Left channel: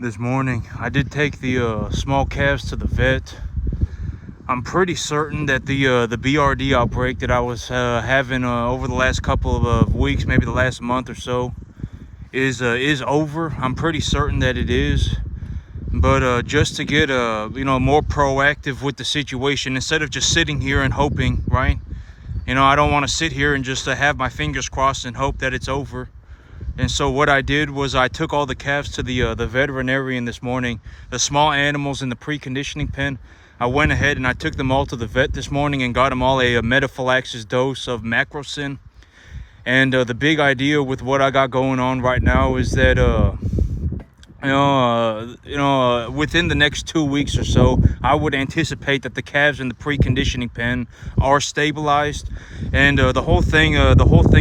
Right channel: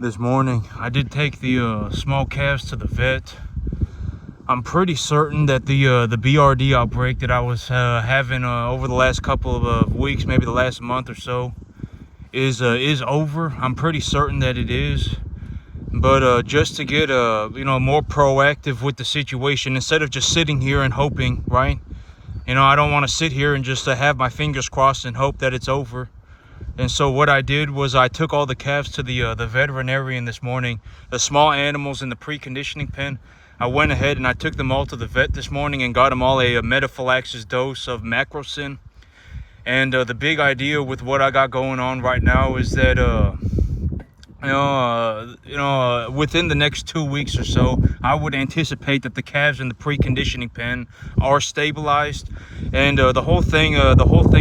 this morning. I did take the small calves to the vet. I'm pretty certain that the BRD outbreak that I was having over the last couple of weeks, maybe the last month or so, is over. I'm pretty certain that it is. But just to get more proactive with the situation, instead of just sitting here and hoping, right? I don't want to sit here and just have my fingers crossed and hope that it's over. And so what I did was I took all the calves to the veterinarian this morning, the small animals in the preconditioning pen. I went ahead and I took them all to the vet this morning and got them all a metaphylaxis dose of Macrocin. And the big idea with what I got going on right now is that within the next 2 weeks or so, I would anticipate that the calves in the preconditioning pen are stabilized. And the whole thing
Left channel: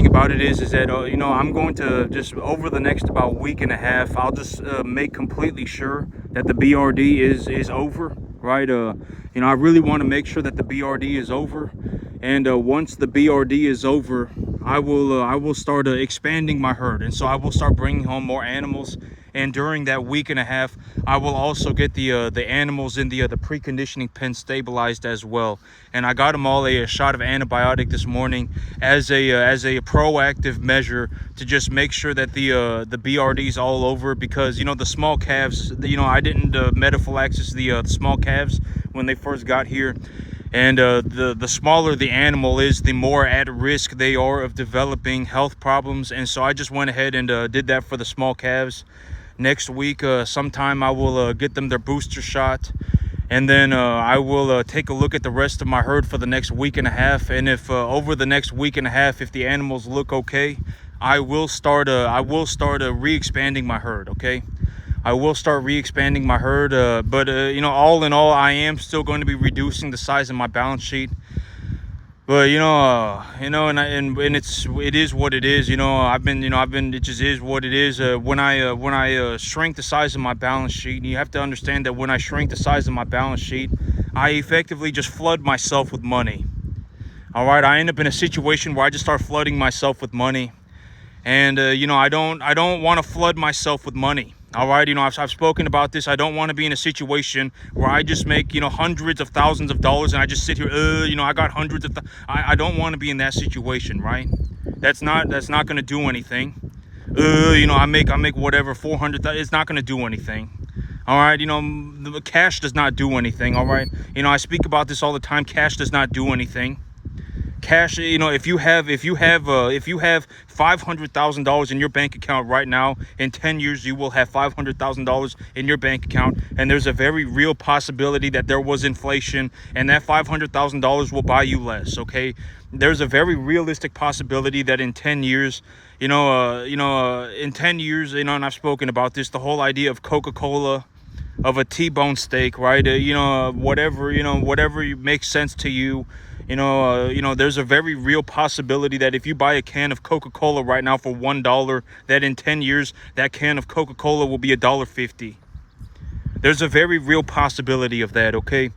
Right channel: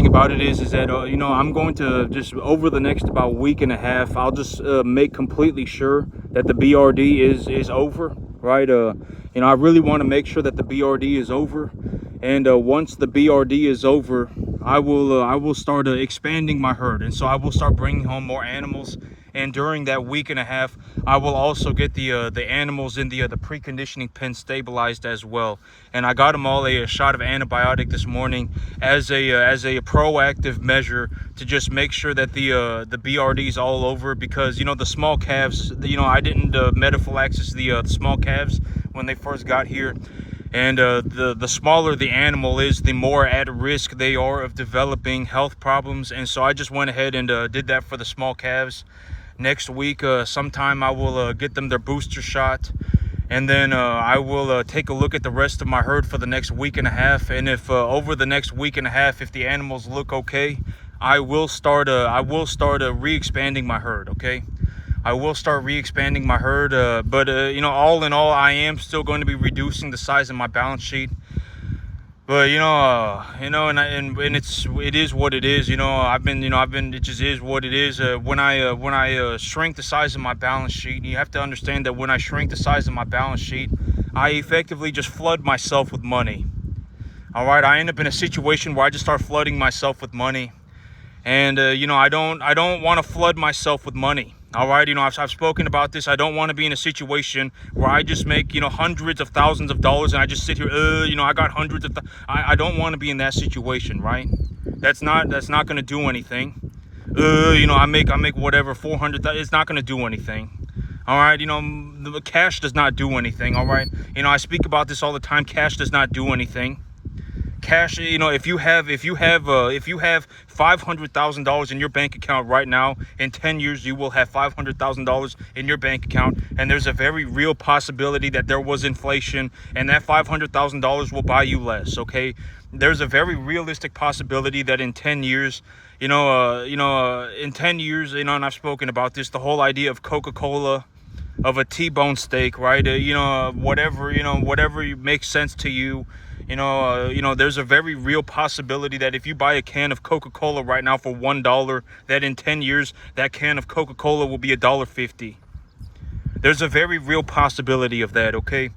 about it is that I'm going to just, over the next about week and a half, I'll just make completely sure that the BRD is over, right? I really want to make sure that the BRD is over. And once the BRD is over, I will start expanding my herd, and so I will start bringing home more animals. And during that week and a half, I will also get the animals in the preconditioning pen stabilized as well. And I got them all a shot of antibiotic this morning as a proactive measure to just make sure that the BRD is all over, because the small calves, I didn't metaphylaxis the small calves when they first got here. And the smaller the animal is, the more at risk they are of developing health problems. And so I just went ahead and did that for the small calves. Next week, sometime I will get them their booster shot. And then I will take a look at the rest of my herd for the next week and a half. And if over the next week and a half, if the animals look okay, I will start re-expanding my herd, okay? I will start re-expanding my herd, but all in all, I am still going to be reducing the size of my balance sheet. But and it is what it is. It just is what it is. When I shrink the size of my balance sheet, you have to understand that when I shrink the size of my balance sheet, I effectively just flood myself with money. All right, I end up in a situation where I just start flooding myself with money, and I don't want to flood myself with money. All right, I've spoken about this. I don't want to be in a situation where I just make hundreds of thousands of dollars and I just sit here. I got hundreds of. I don't want to be in that situation, right? That's not going to do anything. I make whatever 400. It's not going to do anything. All right, the cash does not do anything. All right, I speak about this all the time. Cash does not do anything. Cash, if you have $500,000 in your bank account right now, in 10 years you will have $500,000 in your bank account, and there's a very real possibility that there was inflation and that $500,000 will buy you less. Okay, there's a very realistic possibility that in 10 years, in 10 years, and I've spoken about this, the whole idea of Coca-Cola, of a T-bone steak, right? Whatever makes sense to you. There's a very real possibility that if you buy a can of Coca-Cola right now for $1, that in 10 years, that can of Coca-Cola will be $1.50. There's a very real possibility of that, okay?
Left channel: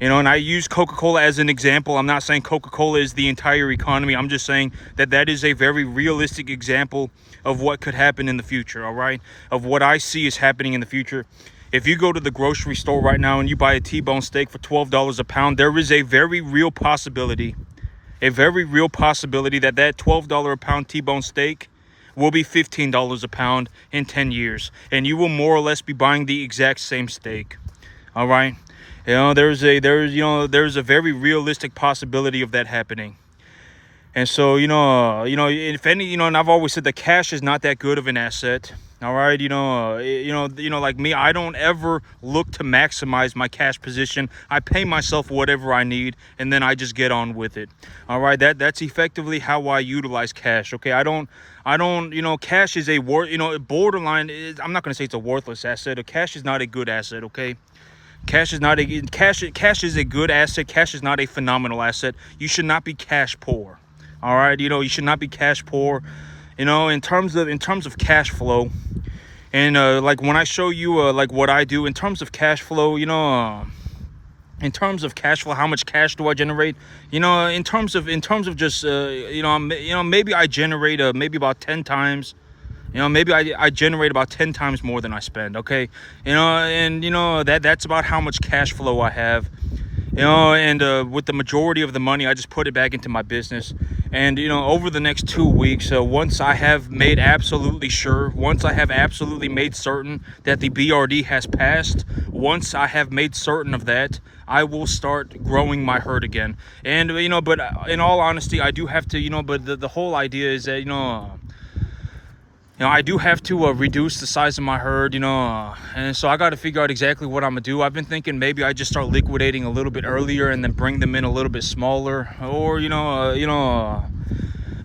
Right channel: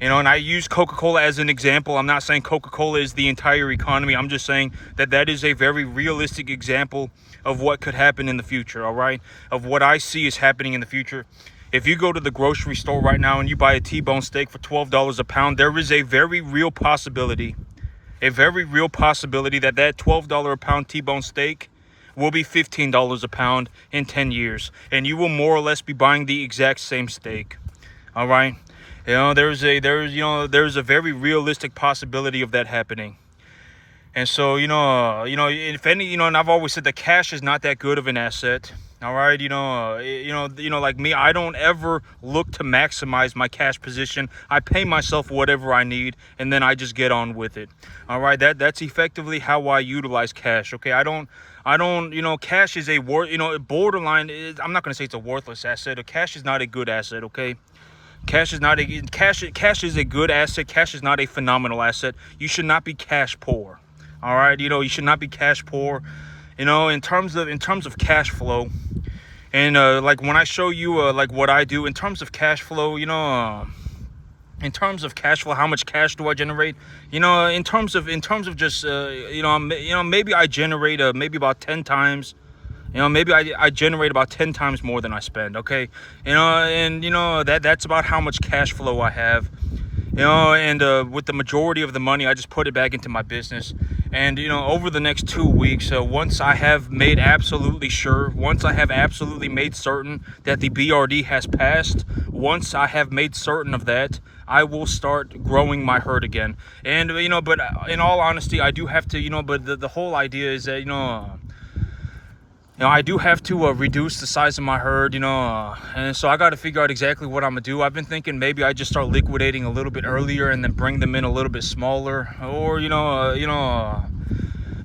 And I use Coca-Cola as an example. I'm not saying Coca-Cola is the entire economy. I'm just saying that is a very realistic example of what could happen in the future, all right? Of what I see is happening in the future. If you go to the grocery store right now and you buy a T-bone steak for $12 a pound, there is a very real possibility that that $12 a pound T-bone steak will be $15 a pound in 10 years. And you will more or less be buying the exact same steak. All right. There's a very realistic possibility of that happening. And so, if any, and I've always said that cash is not that good of an asset. All right, like me, I don't ever look to maximize my cash position. I pay myself whatever I need, and then I just get on with it. All right, that's effectively how I utilize cash. Okay, I don't. Cash is a borderline. I'm not going to say it's a worthless asset. Cash is not a good asset. Okay. Cash is a good asset. Cash is not a phenomenal asset. You should not be cash poor. All right, you should not be cash poor. In terms of cash flow, and like when I show you like what I do in terms of cash flow, in terms of cash flow, how much cash do I generate? In terms of just maybe I generate maybe about 10 times You know, maybe I generate about 10 times more than I spend. Okay, you know, and you know that's about how much cash flow I have. You know, and with the majority of the money, I just put it back into my business. And you know, over the next 2 weeks, once I have made absolutely sure, once I have absolutely made certain that the BRD has passed, once I have made certain of that, I will start growing my herd again. And you know, but in all honesty, I do have to, you know, but the whole idea is that, you know, I do have to reduce the size of my herd, you know, and so I got to figure out exactly what I'm gonna do. I've been thinking maybe I just start liquidating a little bit earlier and then bring them in a little bit smaller, or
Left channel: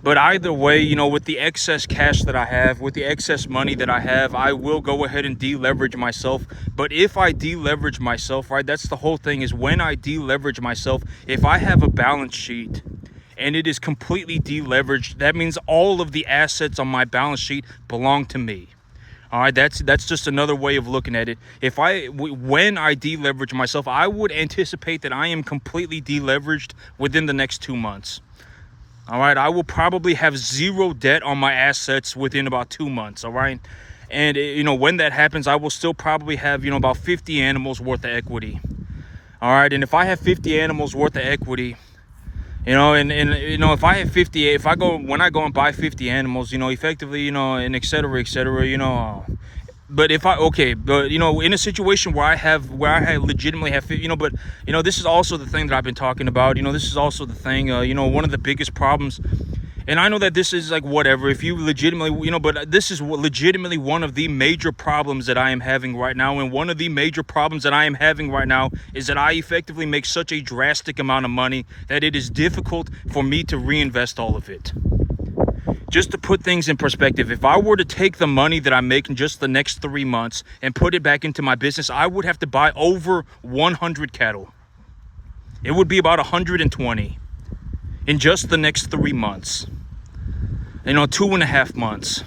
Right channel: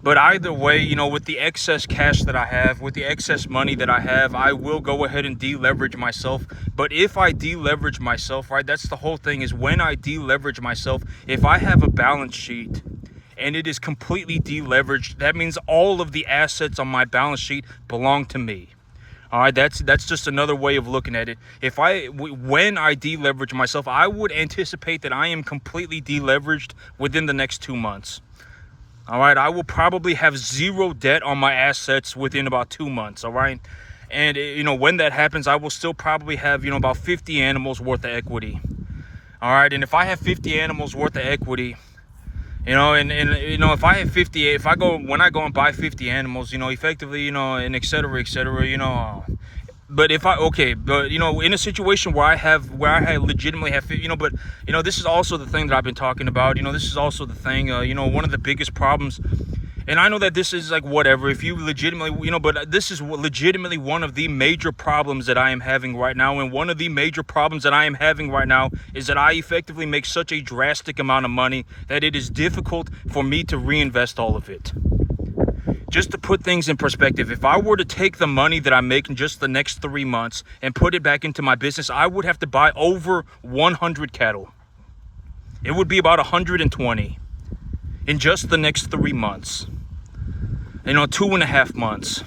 but either way, you know, with the excess cash that I have, with the excess money that I have, I will go ahead and deleverage myself. But if I deleverage myself, right, that's the whole thing, is when I deleverage myself, if I have a balance sheet and it is completely deleveraged, that means all of the assets on my balance sheet belong to me. All right, that's just another way of looking at it. When I deleverage myself, I would anticipate that I am completely deleveraged within the next 2 months. All right, I will probably have zero debt on my assets within about 2 months. All right, and you know, when that happens, I will still probably have, you know, about 50 animals worth of equity. All right, and if I have 50 animals worth of equity, you know, and you know, if I have 50, when I go and buy 50 animals, you know, effectively, you know, and et cetera, you know, but but you know, in a situation where I legitimately have, you know, but you know, this is also the thing that I've been talking about. You know, this is also the thing, you know, one of the biggest problems. And I know that this is like whatever, if you legitimately, you know, but this is legitimately one of the major problems that I am having right now. And one of the major problems that I am having right now is that I effectively make such a drastic amount of money that it is difficult for me to reinvest all of it. Just to put things in perspective, if I were to take the money that I make in just the next 3 months and put it back into my business, I would have to buy over 100 cattle. It would be about 120 in just the next 3 months. You know, 2.5 months.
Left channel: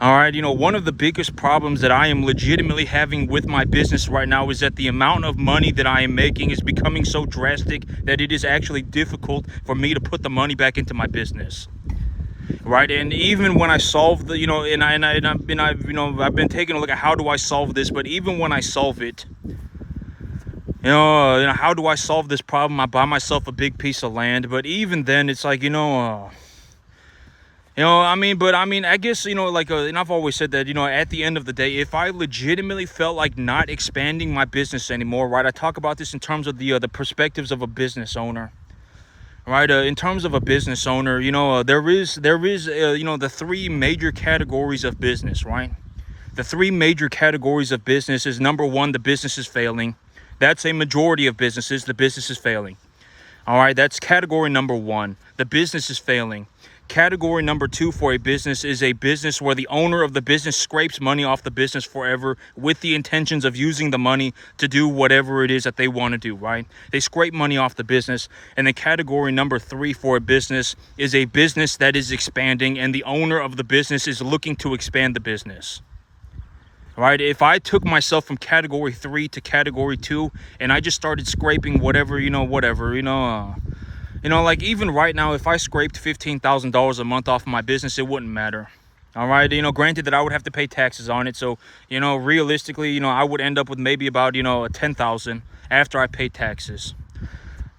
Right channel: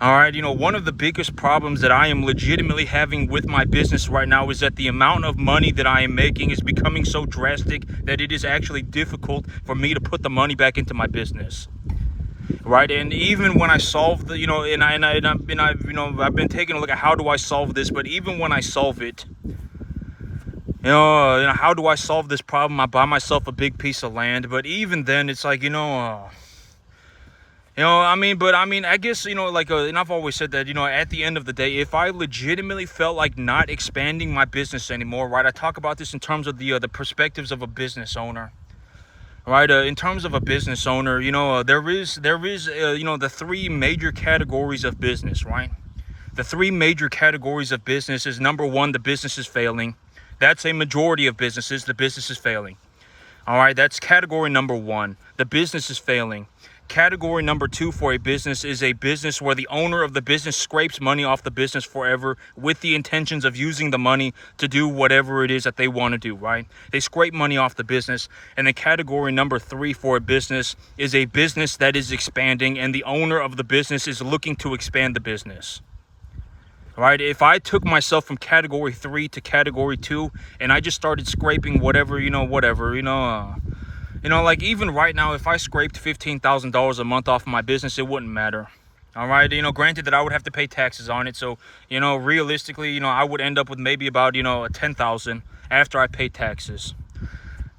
All right, you know, one of the biggest problems that I am legitimately having with my business right now is that the amount of money that I am making is becoming so drastic that it is actually difficult for me to put the money back into my business. Right, and even when I solve the, you know, I've been taking a look at how do I solve this, but even when I solve it, you know, how do I solve this problem? I buy myself a big piece of land, but even then, it's like, I guess, you know, like, and I've always said that, you know, at the end of the day, if I legitimately felt like not expanding my business anymore, right, I talk about this in terms of the perspectives of a business owner, right, in terms of a business owner, you know, there is you know, the 3 major categories of business, right? The 3 major categories of business is, number 1, the business is failing. That's a majority of businesses, the business is failing. All right, that's category number 1, the business is failing. Category number 2 for a business is a business where the owner of the business scrapes money off the business forever with the intentions of using the money to do whatever it is that they want to do, right? They scrape money off the business. And then category number 3 for a business is a business that is expanding and the owner of the business is looking to expand the business. Right? If I took myself from category 3 to category 2 and I just started scraping whatever, like even right now, if I scraped $15,000 a month off of my business, it wouldn't matter. All right. You know, granted that I would have to pay taxes on it. So, you know, realistically, you know, I would end up with maybe about, you know, 10,000 after I pay taxes.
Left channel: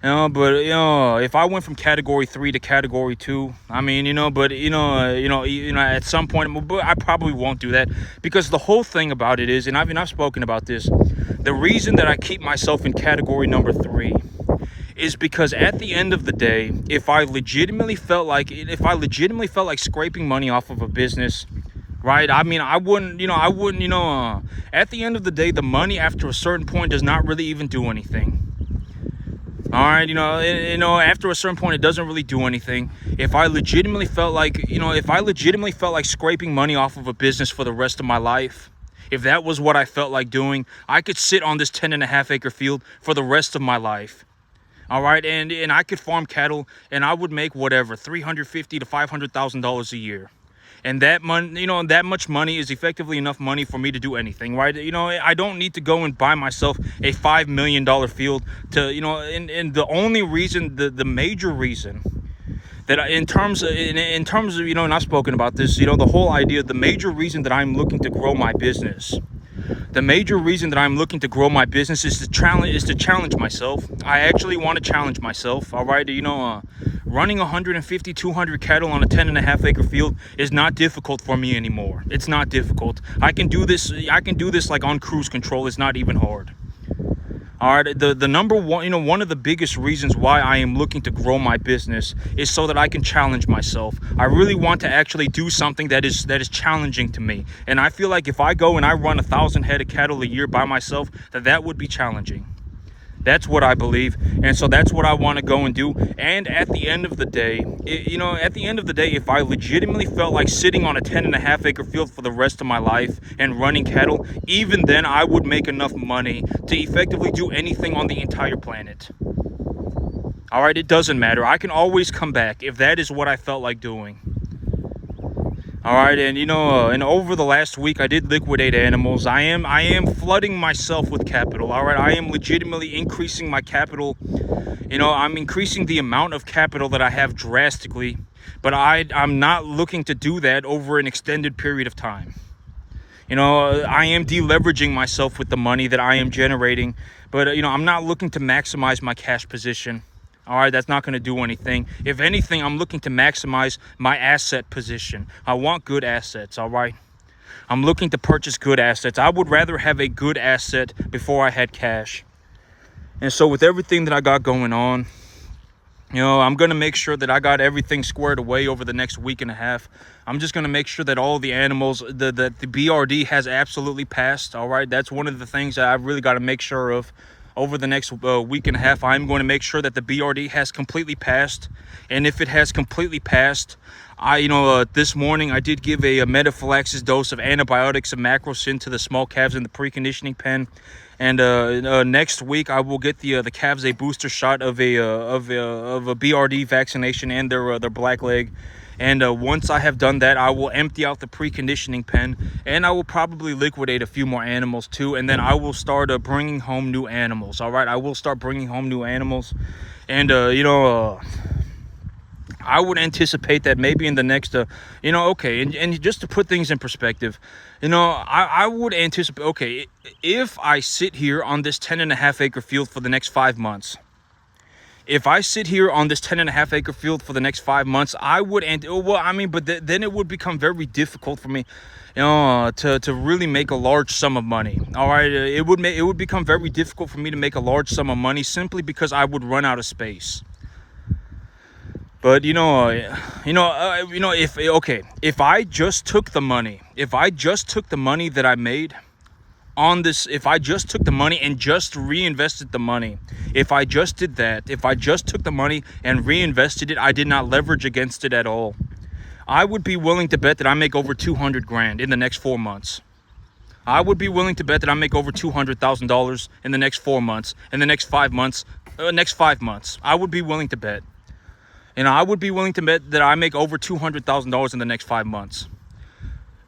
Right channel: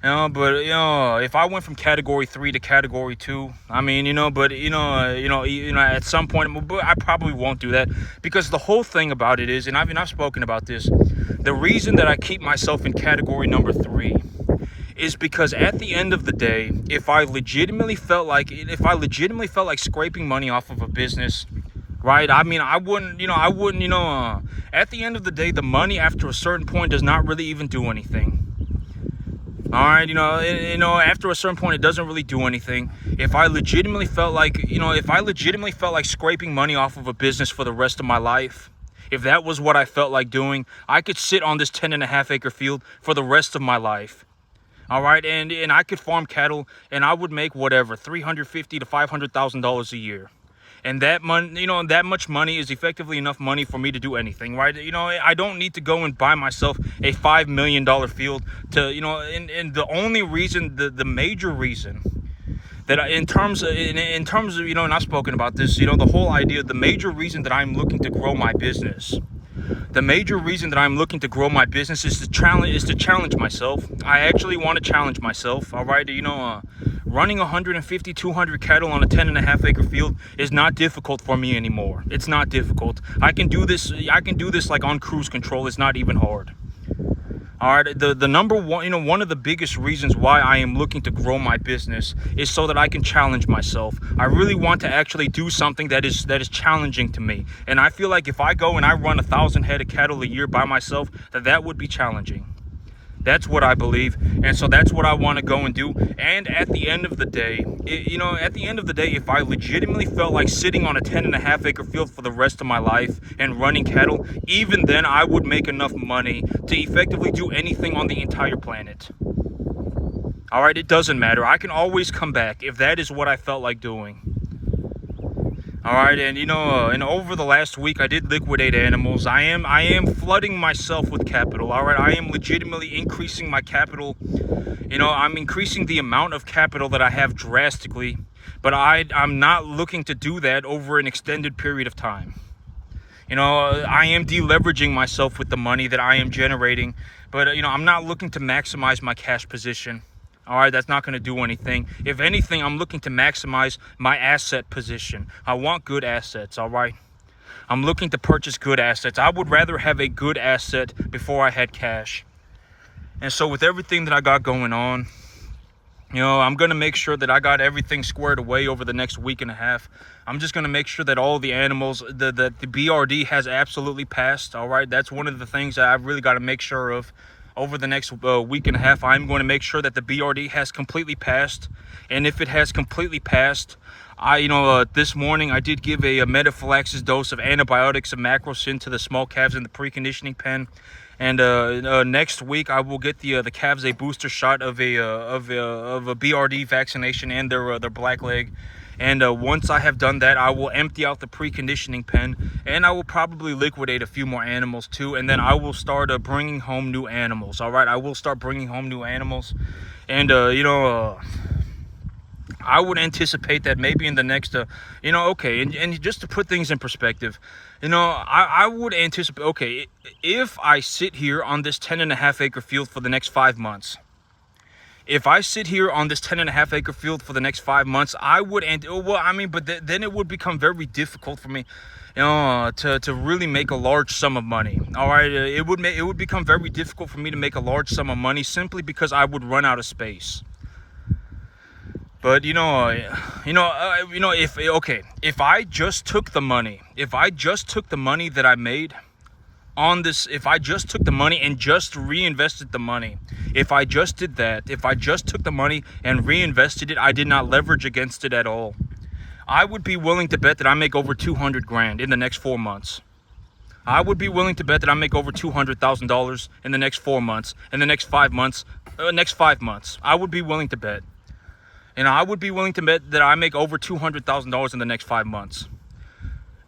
You know, but, you know, if I went from category 3 to category 2, I mean, you know, but, at some point, but I probably won't do that because the whole thing about it is, and I've spoken about this, the reason that I keep myself in category number 3 is because at the end of the day, if I legitimately felt like scraping money off of a business, right? I mean, I wouldn't, at the end of the day, the money after a certain point does not really even do anything. All right, after a certain point, it doesn't really do anything. If I legitimately felt like scraping money off of a business for the rest of my life, if that was what I felt like doing, I could sit on this 10.5 acre field for the rest of my life. All right, and I could farm cattle, and I would make whatever $350,000 to $500,000 a year, and that money, that much money is effectively enough money for me to do anything, right? I don't need to go and buy myself a $5 million field to, and the only reason, the major reason that in terms of, and I've spoken about this, the whole idea, the major reason that I'm looking to grow my business. The major reason that I'm looking to grow my business is to challenge myself. I actually want to challenge myself. All right, running 150, 200 cattle on a 10.5 acre field is not difficult for me anymore. It's not difficult. I can do this like on cruise control. It's not even hard. All right, the number one, one of the biggest reasons why I am looking to grow my business is so that I can challenge myself. I really want to actually do something that is challenging to me. And I feel like if I go and I run 1,000 head of cattle a year by myself, that would be challenging. That's what I believe, and so that's what I want to go and do. And at the end of the day, if I legitimately felt like sitting on a 10.5 acre field for the rest of my life and running cattle, even then I would make enough money to effectively do anything on the entire planet. All right, it doesn't matter. I can always come back if that is what I felt like doing. All right, and and over the last week, I did liquidate animals. I am flooding myself with capital. All right, I am legitimately increasing my capital. I'm increasing the amount of capital that I have drastically, but I'm not looking to do that over an extended period of time. I am deleveraging myself with the money that I am generating, but I'm not looking to maximize my cash position. All right, that's not going to do anything. If anything, I'm looking to maximize my asset position. I want good assets, all right? I'm looking to purchase good assets. I would rather have a good asset before I had cash. And so with everything that I got going on, I'm going to make sure that I got everything squared away over the next week and a half. I'm just going to make sure that all the animals, the BRD has absolutely passed, all right? That's one of the things that I've really got to make sure of. Over the next week and a half, I'm going to make sure that the BRD has completely passed. And if it has completely passed, this morning I did give a metaphylaxis dose of antibiotics and macrocin to the small calves in the preconditioning pen. And next week I will get the calves a booster shot of a BRD vaccination and their black leg. And once I have done that, I will empty out the preconditioning pen, and I will probably liquidate a few more animals too. And then I will start bringing home new animals. All right, I will start bringing home new animals, and I would anticipate that maybe in the next, and just to put things in perspective, I would anticipate, okay, if I sit here on this 10.5 acre field for the next 5 months. If I sit here on this 10.5 acre field for the next 5 months, I would, then it would become very difficult for me, to really make a large sum of money. All right, it would become very difficult for me to make a large sum of money simply because I would run out of space. But if I just took the money that I made on this, if I just took the money and just reinvested the money, if I just did that, if I just took the money and reinvested it, I did not leverage against it at all, I would be willing to bet that I make over 200 grand in the next 4 months. I would be willing to bet that I make over $200,000 in the next 4 months, in the next 5 months, I would be willing to bet. I would be willing to bet that I make over $200,000 in the next 5 months.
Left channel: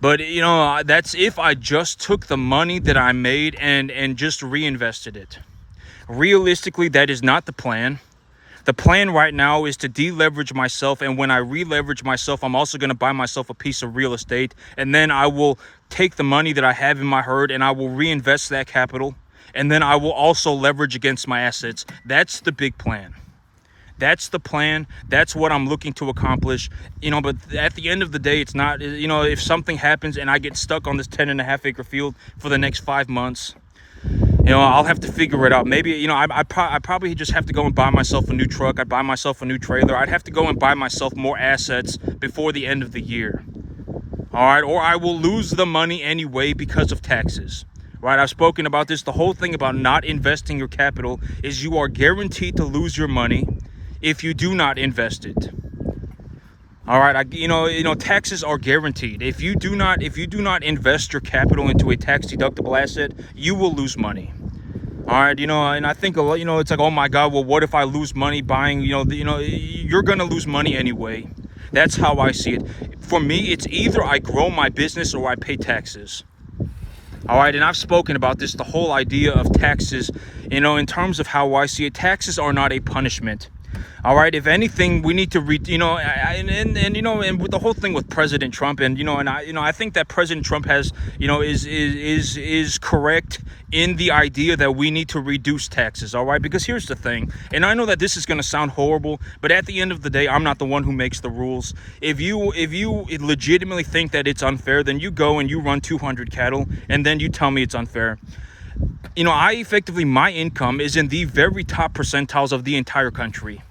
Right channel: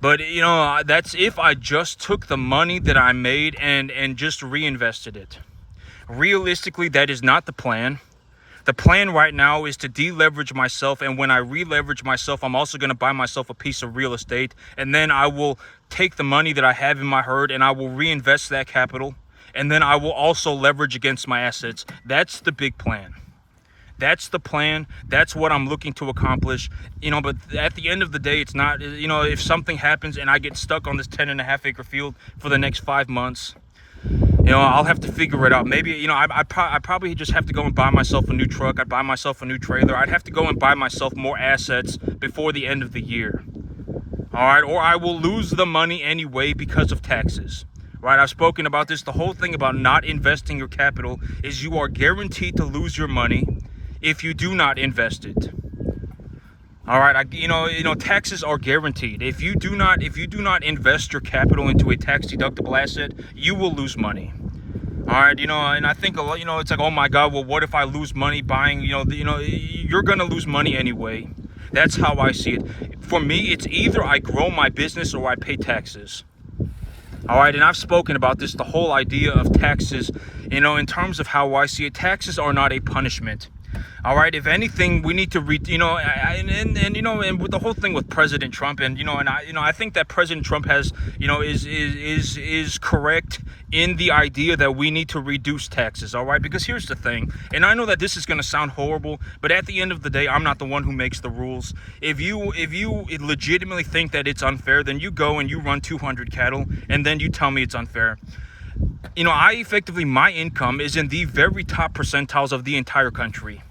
But, that's if I just took the money that I made and just reinvested it. Realistically, that is not the plan. The plan right now is to deleverage myself. And when I re-leverage myself, I'm also going to buy myself a piece of real estate. And then I will take the money that I have in my herd and I will reinvest that capital. And then I will also leverage against my assets. That's the big plan. That's the plan. That's what I'm looking to accomplish. But at the end of the day, it's not, if something happens and I get stuck on this 10.5 acre field for the next 5 months, I'll have to figure it out. Maybe, I probably just have to go and buy myself a new truck. I'd buy myself a new trailer. I'd have to go and buy myself more assets before the end of the year. All right. Or I will lose the money anyway because of taxes. Right. I've spoken about this. The whole thing about not investing your capital is you are guaranteed to lose your money if you do not invest it. All right, taxes are guaranteed. If you do not invest your capital into a tax deductible asset, you will lose money. All right, and I think it's like, oh my God, well, what if I lose money buying? You're gonna lose money anyway. That's how I see it. For me, it's either I grow my business or I pay taxes. All right, and I've spoken about this, the whole idea of taxes. In terms of how I see it, taxes are not a punishment. All right. If anything, we need to and with the whole thing with President Trump, and I think that President Trump has, is correct in the idea that we need to reduce taxes. All right. Because here's the thing, and I know that this is going to sound horrible, but at the end of the day, I'm not the one who makes the rules. If you legitimately think that it's unfair, then you go and you run 200 cattle, and then you tell me it's unfair. My income is in the very top percentiles of the entire country.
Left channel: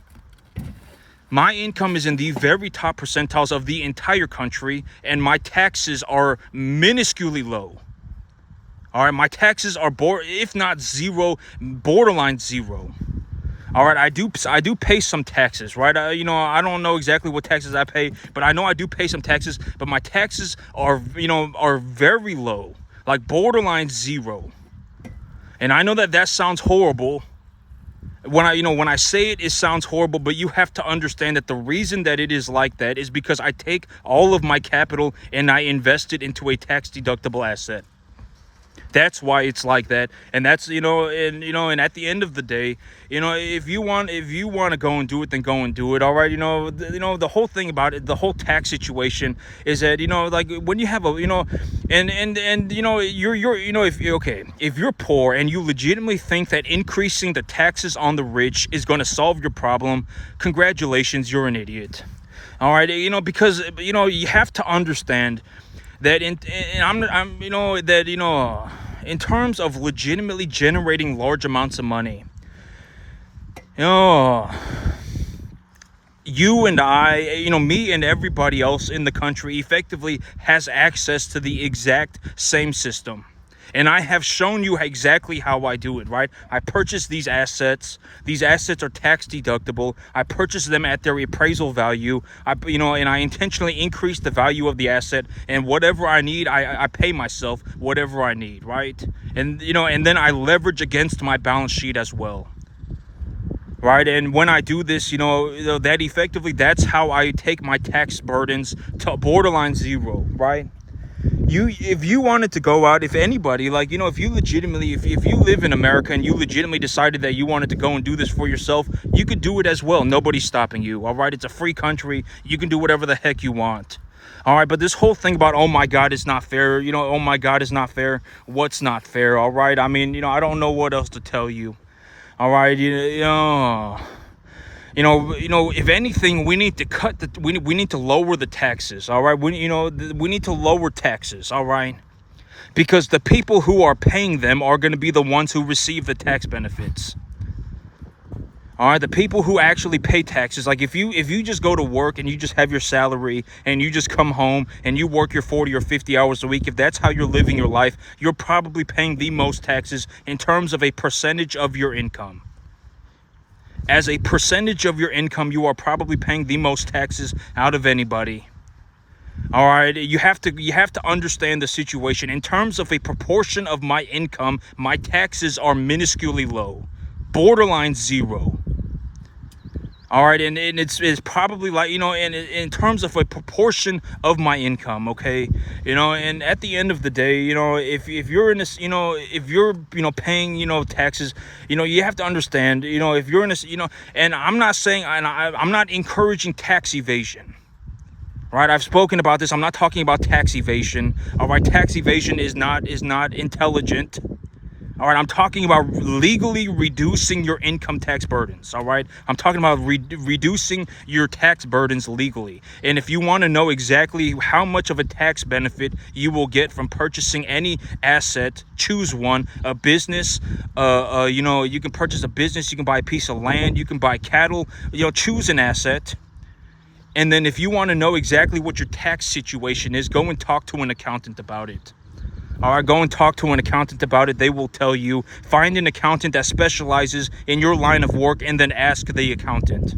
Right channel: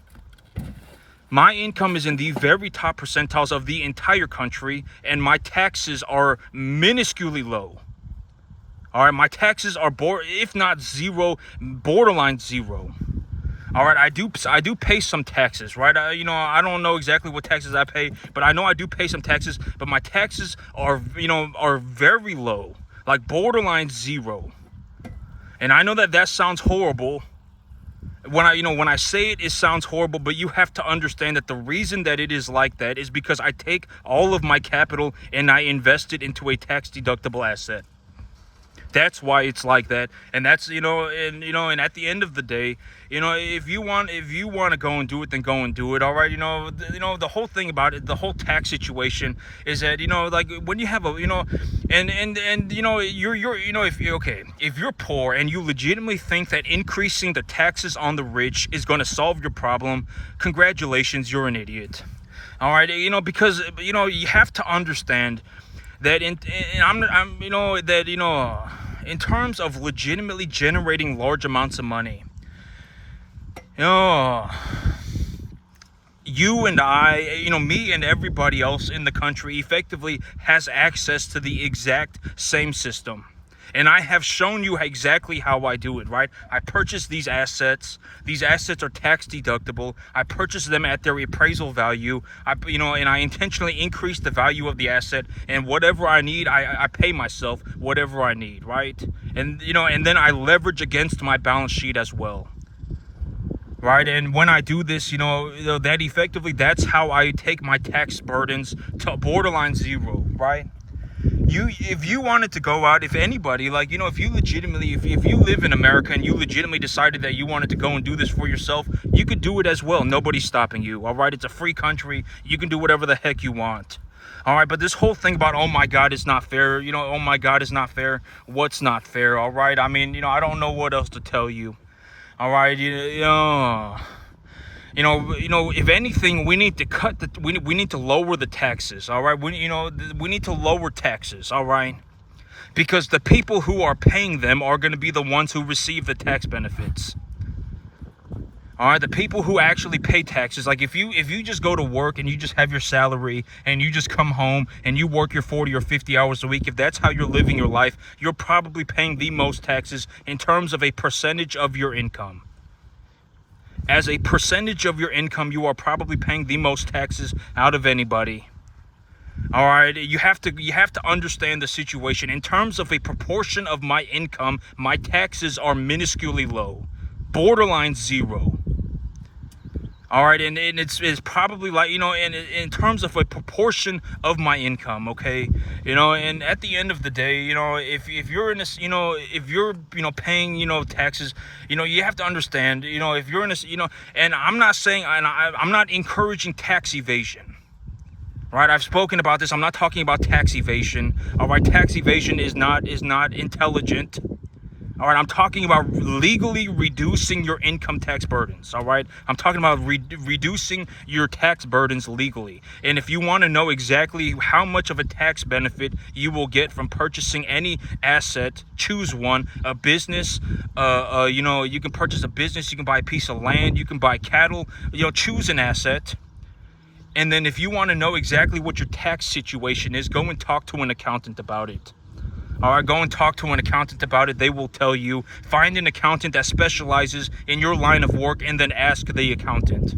My income is in the very top percentiles of the entire country, and my taxes are minusculely low. All right, my taxes are, if not zero, borderline zero. All right, I do pay some taxes, right? I don't know exactly what taxes I pay, but I know I do pay some taxes. But my taxes are very low, like borderline zero. And I know that sounds horrible. When I say it sounds horrible, but you have to understand that the reason that it is like that is because I take all of my capital and I invest it into a tax deductible asset. That's why it's like that. And that's, and at the end of the day, if you want to go and do it, then go and do it. All right. The whole thing about it, the whole tax situation is that, like when you have if you're poor and you legitimately think that increasing the taxes on the rich is going to solve your problem, congratulations, you're an idiot. All right. Because, you have to understand that in terms of legitimately generating large amounts of money, you and I, me and everybody else in the country effectively has access to the exact same system. And I have shown you exactly how I do it, right? I purchase these assets. These assets are tax deductible. I purchase them at their appraisal value. And I intentionally increase the value of the asset. And whatever I need, I pay myself whatever I need, right? And then I leverage against my balance sheet as well, right? And when I do this, that's how I take my tax burdens to borderline zero, right? If you wanted to go out, if anybody, if you legitimately, if you live in America and you legitimately decided that you wanted to go and do this for yourself, you could do it as well. Nobody's stopping you. All right. It's a free country. You can do whatever the heck you want. All right. But this whole thing about, oh my God, it's not fair. Oh my God, it's not fair. What's not fair? All right. I mean, I don't know what else to tell you. All right. If anything, we need to we need to lower the taxes. All right. We need to lower taxes. All right. Because the people who are paying them are going to be the ones who receive the tax benefits. All right. The people who actually pay taxes, like if you just go to work and you just have your salary and you just come home and you work your 40 or 50 hours a week, if that's how you're living your life, you're probably paying the most taxes in terms of a percentage of your income. As a percentage of your income, you are probably paying the most taxes out of anybody. All right, you have to understand the situation. In terms of a proportion of my income, my taxes are minusculely low, borderline zero. All right, and it's probably like, in terms of a proportion of my income, okay, and at the end of the day, if you're in this, if you're, paying, taxes, you have to understand, if you're in this, and I'm not saying, and I'm not encouraging tax evasion, right? I've spoken about this. I'm not talking about tax evasion. All right, tax evasion is not intelligent. All right, I'm talking about legally reducing your income tax burdens. All right, I'm talking about reducing your tax burdens legally. And if you want to know exactly how much of a tax benefit you will get from purchasing any asset, choose one. A business, you can purchase a business, you can buy a piece of land, you can buy cattle. Choose an asset. And then if you want to know exactly what your tax situation is, go and talk to an accountant about it. All right, go and talk to an accountant about it. They will tell you. Find an accountant that specializes in your line of work and then ask the accountant.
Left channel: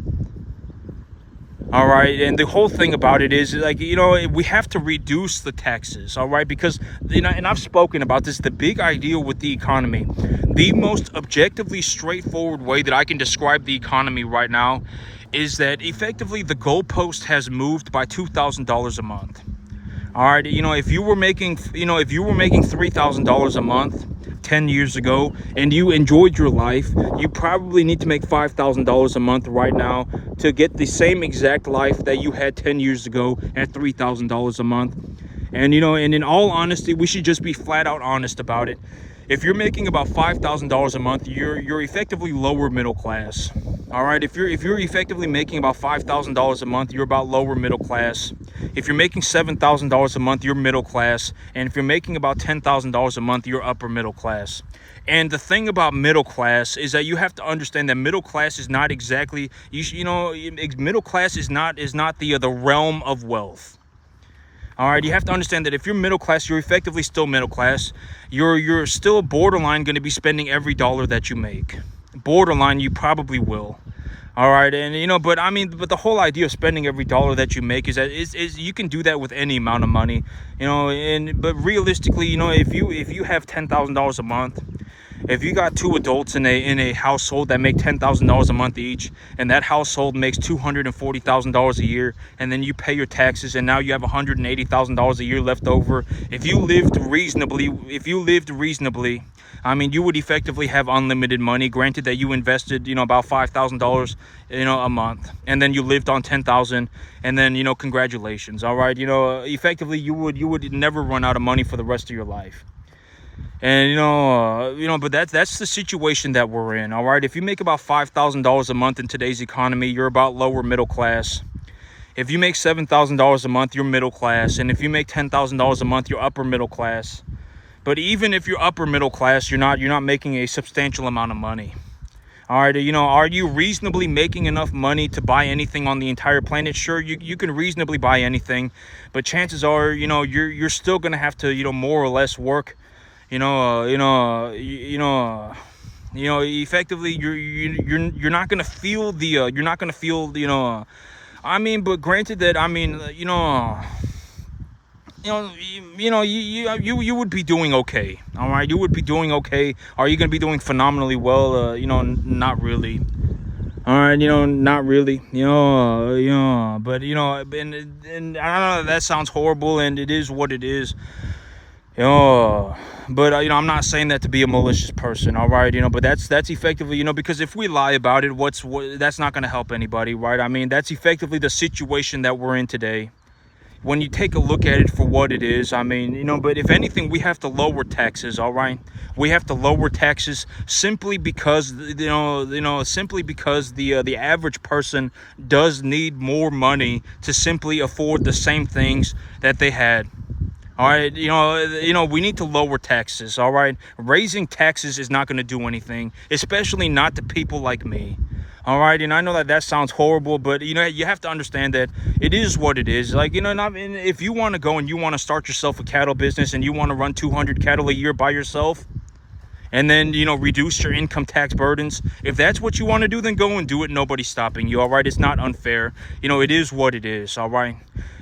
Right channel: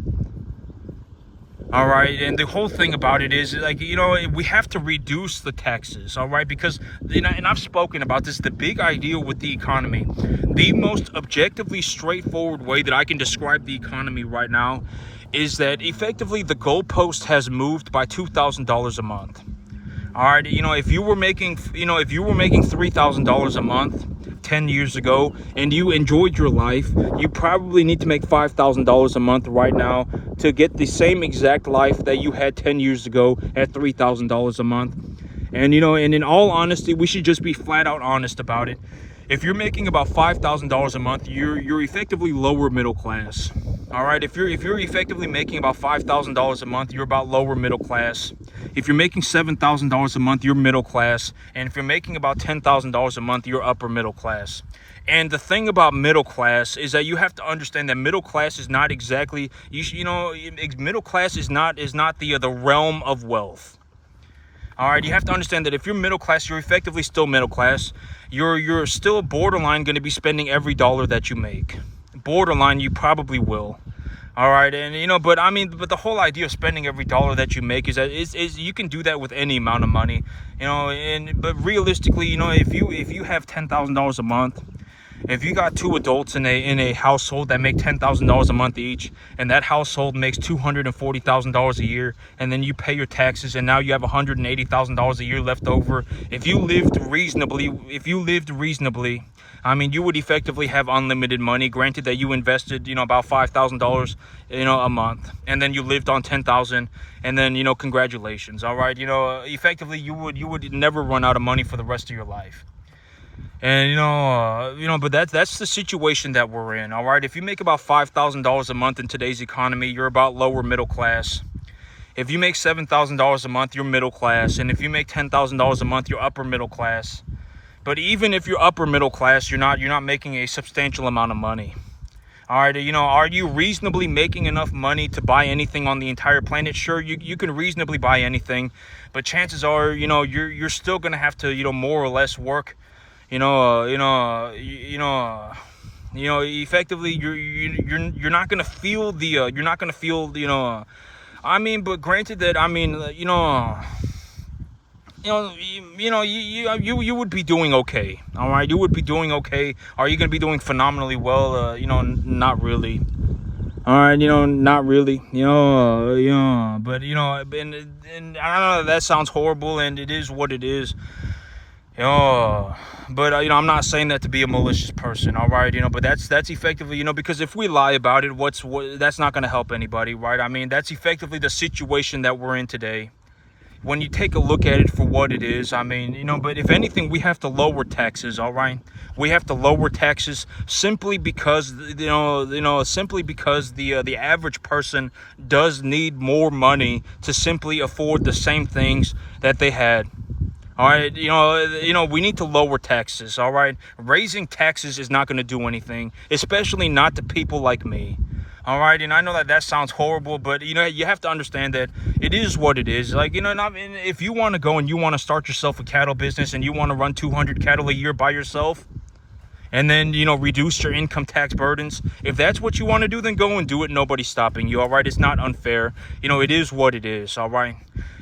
All right, and the whole thing about it is, we have to reduce the taxes, all right? Because, and I've spoken about this, the big idea with the economy, the most objectively straightforward way that I can describe the economy right now is that effectively the goalpost has moved by $2,000 a month. All right, if you were making, $3,000 a month 10 years ago and you enjoyed your life, you probably need to make $5,000 a month right now to get the same exact life that you had 10 years ago at $3,000 a month. And and in all honesty, we should just be flat out honest about it. If you're making about $5,000 a month, you're effectively lower middle class. All right, if you're effectively making about $5,000 a month, you're about lower middle class. If you're making $7,000 a month, you're middle class. And if you're making about $10,000 a month, you're upper middle class. And the thing about middle class is that you have to understand that middle class is not exactly, middle class is not the realm of wealth. All right, you have to understand that if you're middle class, you're effectively still middle class. You're still borderline going to be spending every dollar that you make. Borderline, you probably will. All right, and but the whole idea of spending every dollar that you make is that is you can do that with any amount of money, but realistically, if you have $10,000 a month, if you got two adults in a household that make $10,000 a month each, and that household makes $240,000 a year, and then you pay your taxes, and now you have $180,000 a year left over. If you lived reasonably, I mean, you would effectively have unlimited money. Granted that you invested, about $5,000, a month, and then you lived on $10,000, and then, congratulations. All right, effectively you would never run out of money for the rest of your life. And but that's the situation that we're in. All right, if you make about $5,000 a month in today's economy, you're about lower middle class. If you make $7,000 a month, you're middle class. And if you make $10,000 a month, you're upper middle class. But even if you're upper middle class, you're not making a substantial amount of money. All right, are you reasonably making enough money to buy anything on the entire planet? Sure, you can reasonably buy anything, but chances are, you're still gonna have to, more or less work. Effectively, you're not gonna feel but granted that, you would be doing okay. All right, you would be doing okay. Are you going to be doing phenomenally well? Not really. All right, not really. But and I know that sounds horrible, and it is what it is. But I'm not saying that to be a malicious person. All right, but that's effectively, because if we lie about it, that's not going to help anybody, right? I mean, that's effectively the situation that we're in today. When you take a look at it for what it is, I mean, but if anything, we have to lower taxes. All right, we have to lower taxes simply because the average person does need more money to simply afford the same things that they had. All right, we need to lower taxes. All right, raising taxes is not going to do anything, especially not to people like me. All right, and I know that sounds horrible, but you have to understand that it is what it is. Like, if you want to go and you want to start yourself a cattle business and you want to run 200 cattle a year by yourself, and then reduce your income tax burdens, if that's what you want to do, then go and do it. Nobody's stopping you. All right, it's not unfair. It is what it is. All right,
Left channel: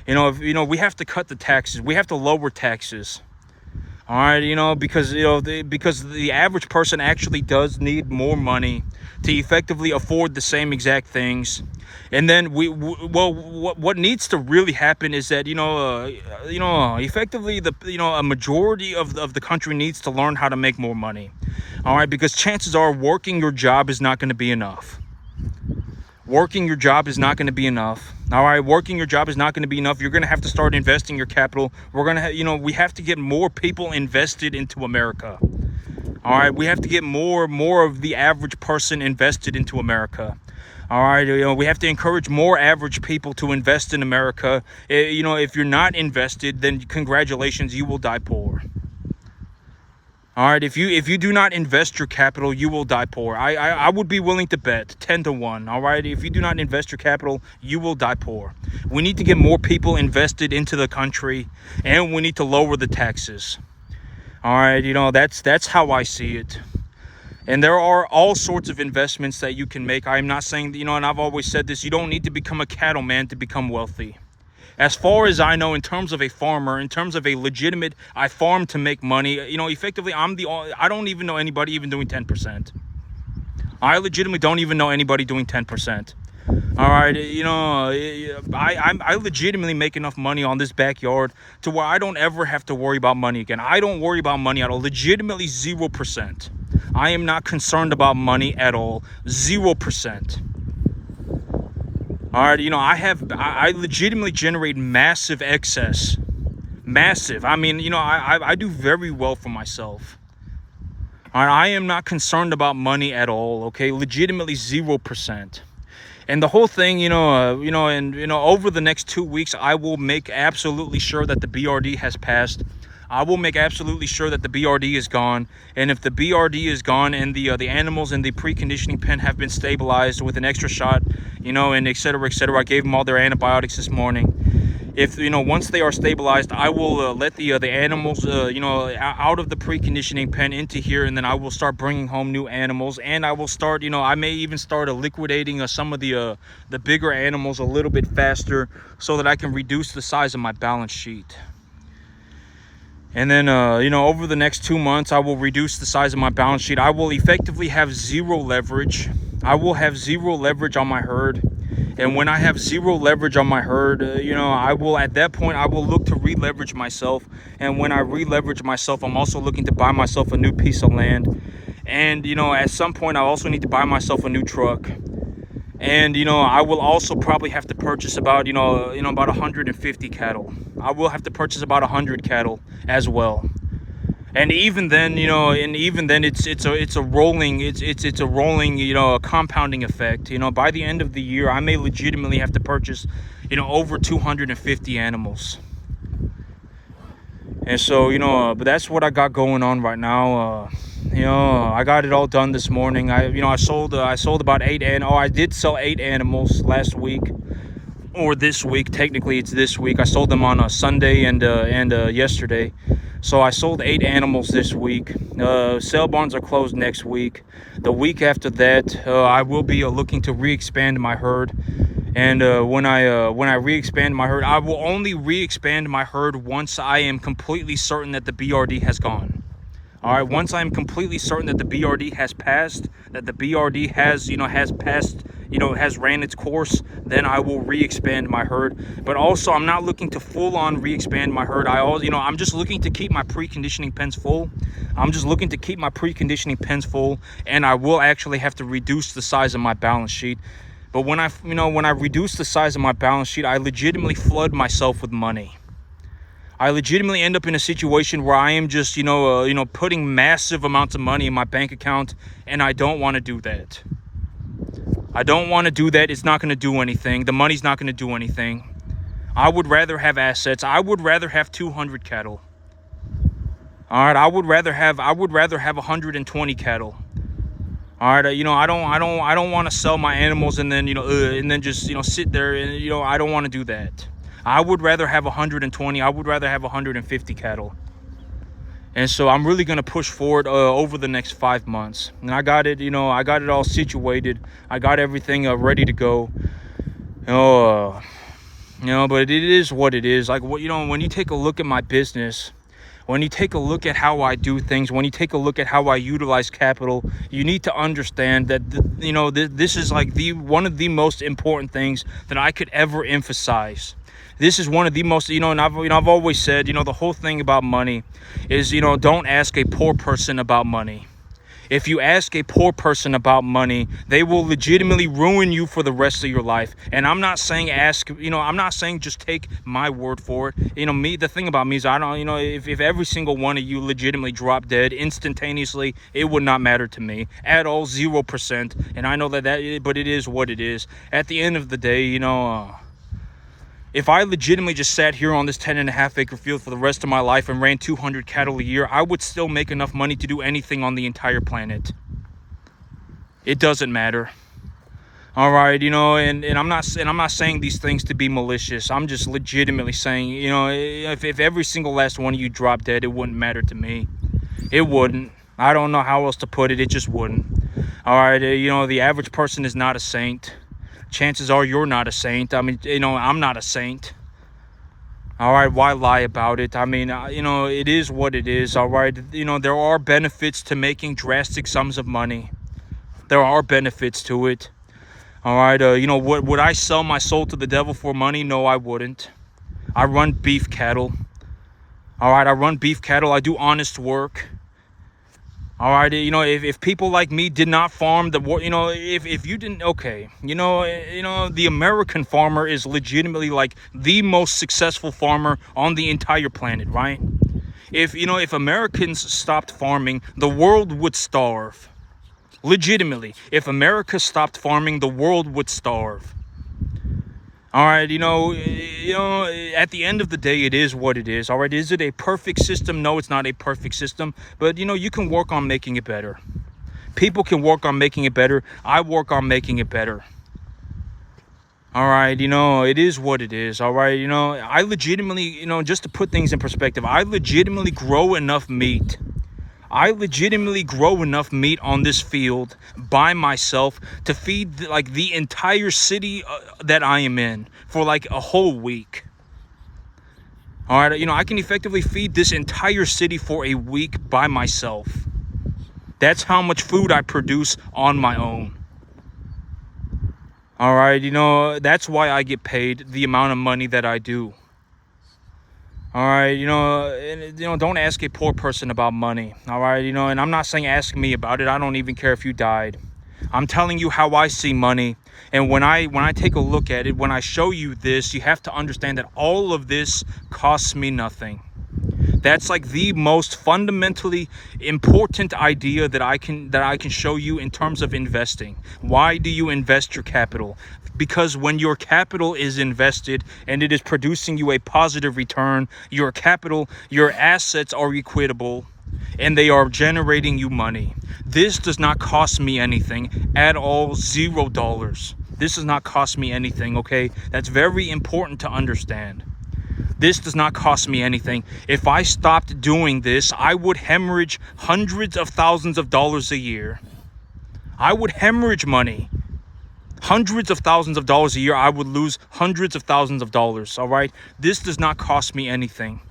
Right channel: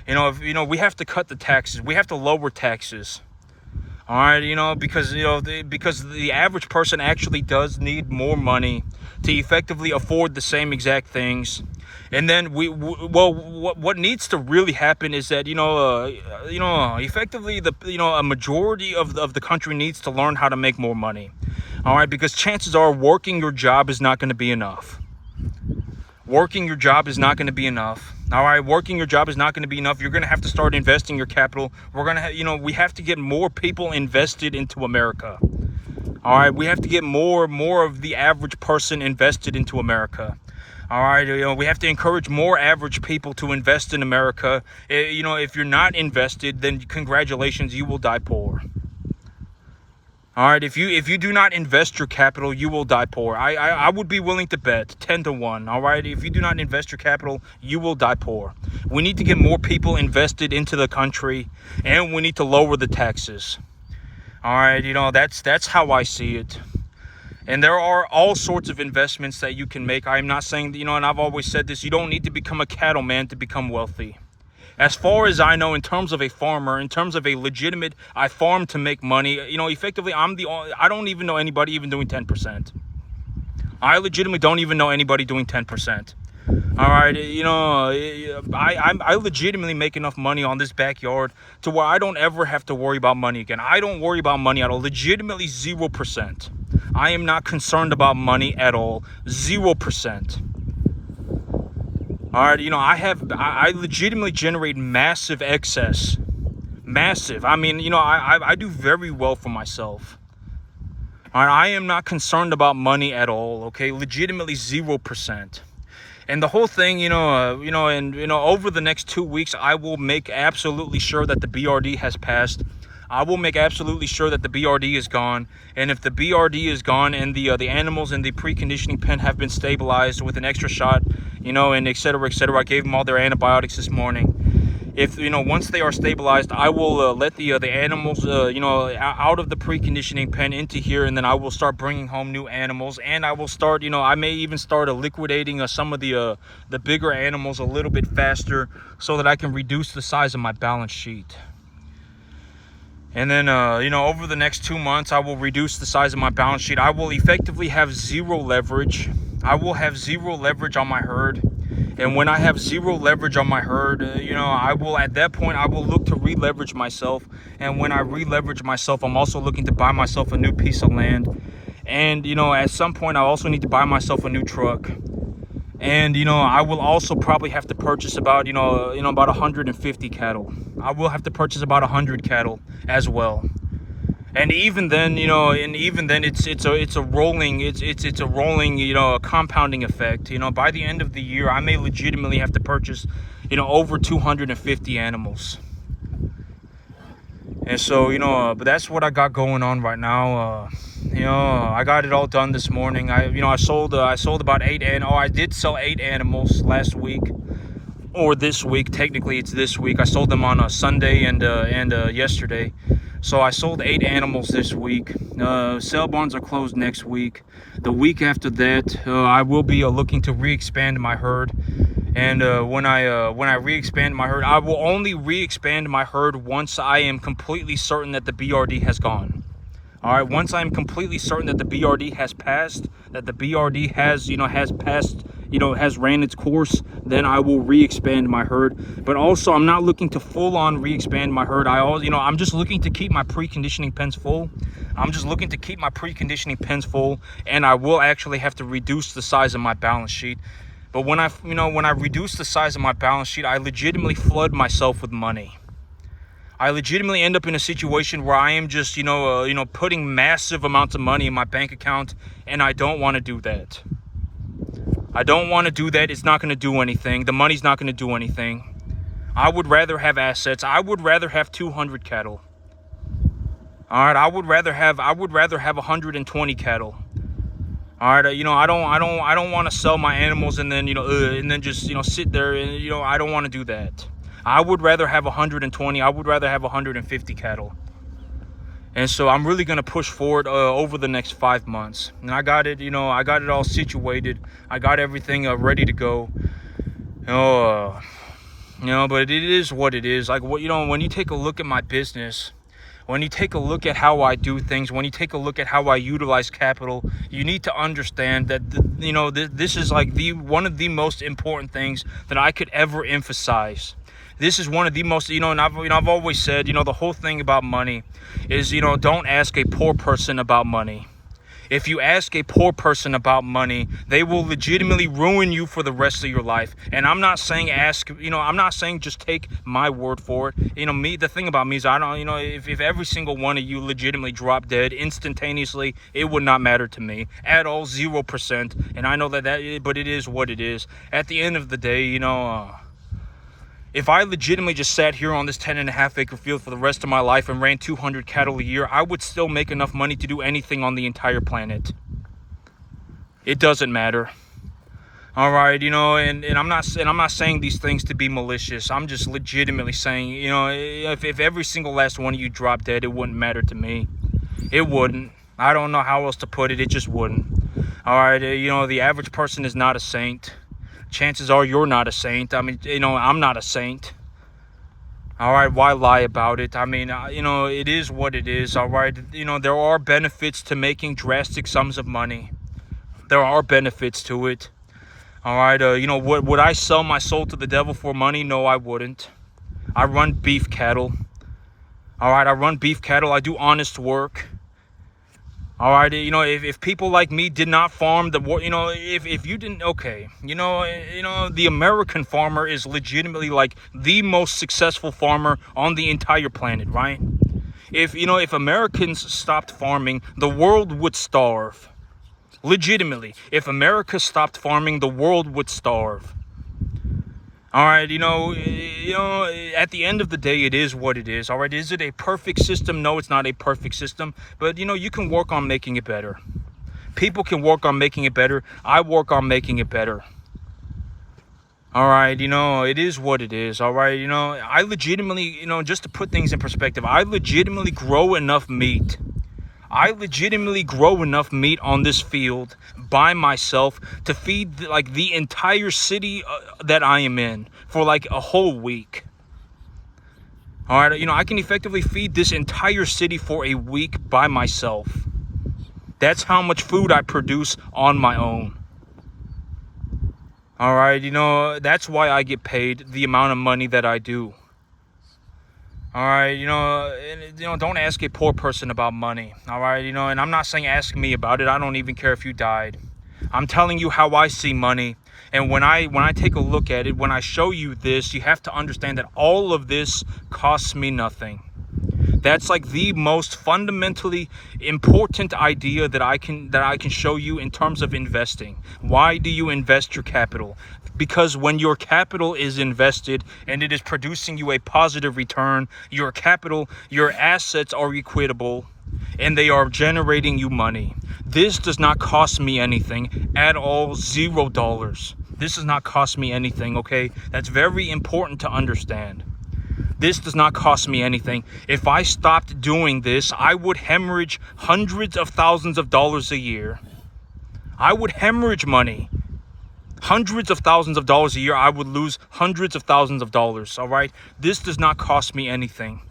we have to cut the taxes. We have to lower taxes. All right, because the average person actually does need more money to effectively afford the same exact things. And then what needs to really happen is that effectively a majority of the country needs to learn how to make more money. All right, because chances are working your job is not going to be enough. Working your job is not going to be enough. All right, working your job is not going to be enough. You're going to have to start investing your capital. We're going to we have to get more people invested into America. All right, we have to get more of the average person invested into America. All right, we have to encourage more average people to invest in America. If you're not invested, then congratulations, you will die poor. All right, if you do not invest your capital, you will die poor. I would be willing to bet 10-1. All right, if you do not invest your capital, you will die poor. We need to get more people invested into the country, and we need to lower the taxes. All right, that's how I see it. And there are all sorts of investments that you can make. I'm not saying, and I've always said this, you don't need to become a cattleman to become wealthy. As far as I know, in terms of a farmer, in terms of a legitimate, I farm to make money, effectively, I don't even know anybody even doing 10%. I legitimately don't even know anybody doing 10%. All right, I legitimately make enough money on this backyard to where I don't ever have to worry about money again. I don't worry about money at all. Legitimately 0%. I am not concerned about money at all. 0%. All right, I legitimately generate massive excess. Massive. I mean, I do very well for myself. All right, I am not concerned about money at all. Okay, legitimately 0%. And the whole thing, over the next 2 weeks, I will make absolutely sure that the BRD has passed. I will make absolutely sure that the BRD is gone. And if the BRD is gone and the animals in the preconditioning pen have been stabilized with an extra shot, and et cetera, I gave them all their antibiotics this morning. If once they are stabilized, I will let the animals out of the preconditioning pen into here, and then I will start bringing home new animals. And I will start, I may even start liquidating some of the bigger animals a little bit faster, so that I can reduce the size of my balance sheet. And then over the next 2 months, I will reduce the size of my balance sheet. I will effectively have zero leverage. I will have zero leverage on my herd. And when I have zero leverage on my herd, at that point, I will look to re-leverage myself. And when I re-leverage myself, I'm also looking to buy myself a new piece of land. And, at some point, I also need to buy myself a new truck. And, I will also probably have to purchase about 150 cattle. I will have to purchase about 100 cattle as well. And even then, it's a rolling, compounding effect. By the end of the year, I may legitimately have to purchase, over 250 animals. And so, but that's what I got going on right now. I got it all done this morning. I sold about I did sell 8 animals last week, or this week. Technically, it's this week. I sold them on a Sunday and yesterday. So I sold 8 animals this week. Sale barns are closed next week. The week after that, I will be looking to re-expand my herd. And when I re-expand my herd, I will only re-expand my herd once I am completely certain that the BRD has gone. All right, once I'm completely certain that the BRD has passed, that the BRD has passed, has ran its course, then I will re-expand my herd. But also, I'm not looking to full-on re-expand my herd. I'm just looking to keep my preconditioning pens full. And I will actually have to reduce the size of my balance sheet. But when I reduce the size of my balance sheet, I legitimately flood myself with money. I legitimately end up in a situation where I am just, putting massive amounts of money in my bank account, and I don't want to do that. I don't want to do that. It's not going to do anything. The money's not going to do anything. I would rather have assets. I would rather have 200 cattle. All right, I would rather have 120 cattle. All right, I don't want to sell my animals and then just sit there and I don't want to do that. I would rather have 120. I would rather have 150 cattle. And so I'm really going to push forward over the next 5 months. And I got it, I got it all situated. I got everything ready to go. But it is what it is. Like, when you take a look at my business, when you take a look at how I do things, when you take a look at how I utilize capital, you need to understand that, this is like one of the most important things that I could ever emphasize. This is one of the most, and I've always said, the whole thing about money is, don't ask a poor person about money. If you ask a poor person about money, they will legitimately ruin you for the rest of your life. And I'm not saying I'm not saying just take my word for it. The thing about me is I don't, if every single one of you legitimately dropped dead instantaneously, it would not matter to me at all, 0%. And I know but it is what it is. At the end of the day, if I legitimately just sat here on this 10.5 acre field for the rest of my life and ran 200 cattle a year, I would still make enough money to do anything on the entire planet. It doesn't matter. All right, and I'm not saying these things to be malicious. I'm just legitimately saying, if every single last one of you dropped dead, it wouldn't matter to me. It wouldn't. I don't know how else to put it. It just wouldn't. All right, the average person is not a saint. Chances are you're not a saint. I mean, I'm not a saint. All right, why lie about it? I mean, it is what it is. All right, there are benefits to making drastic sums of money. There are benefits to it. All right, you know, would I sell my soul to the devil for money? No, I wouldn't. I run beef cattle. All right, I run beef cattle. I do honest work. All right, you know, if people like me did not farm you know, if you didn't, okay, you know, the American farmer is legitimately like the most successful farmer on the entire planet, right? If Americans stopped farming, the world would starve. Legitimately, if America stopped farming, the world would starve. All right, you know, at the end of the day, it is what it is. All right, is it a perfect system? No, it's not a perfect system. But, you know, you can work on making it better. People can work on making it better. I work on making it better. All right, you know, it is what it is. All right, you know, I legitimately, you know, just to put things in perspective, I legitimately grow enough meat. I legitimately grow enough meat on this field by myself to feed like the entire city that I am in for like a whole week. All right, you know, I can effectively feed this entire city for a week by myself. That's how much food I produce on my own. All right, you know, that's why I get paid the amount of money that I do. All right, you know, don't ask a poor person about money. All right, you know, and I'm not saying ask me about it. I don't even care if you died. I'm telling you how I see money. And when I take a look at it, when I show you this, you have to understand that all of this costs me nothing. That's like the most fundamentally important idea that I can show you in terms of investing. Why do you invest your capital? Because when your capital is invested and it is producing you a positive return, your capital, your assets are equitable and they are generating you money. This does not cost me anything at all, $0. This does not cost me anything, okay? That's very important to understand. This does not cost me anything. If I stopped doing this, I would hemorrhage hundreds of thousands of dollars a year. I would hemorrhage money. Hundreds of thousands of dollars a year. I would lose hundreds of thousands of dollars, all right? This does not cost me anything.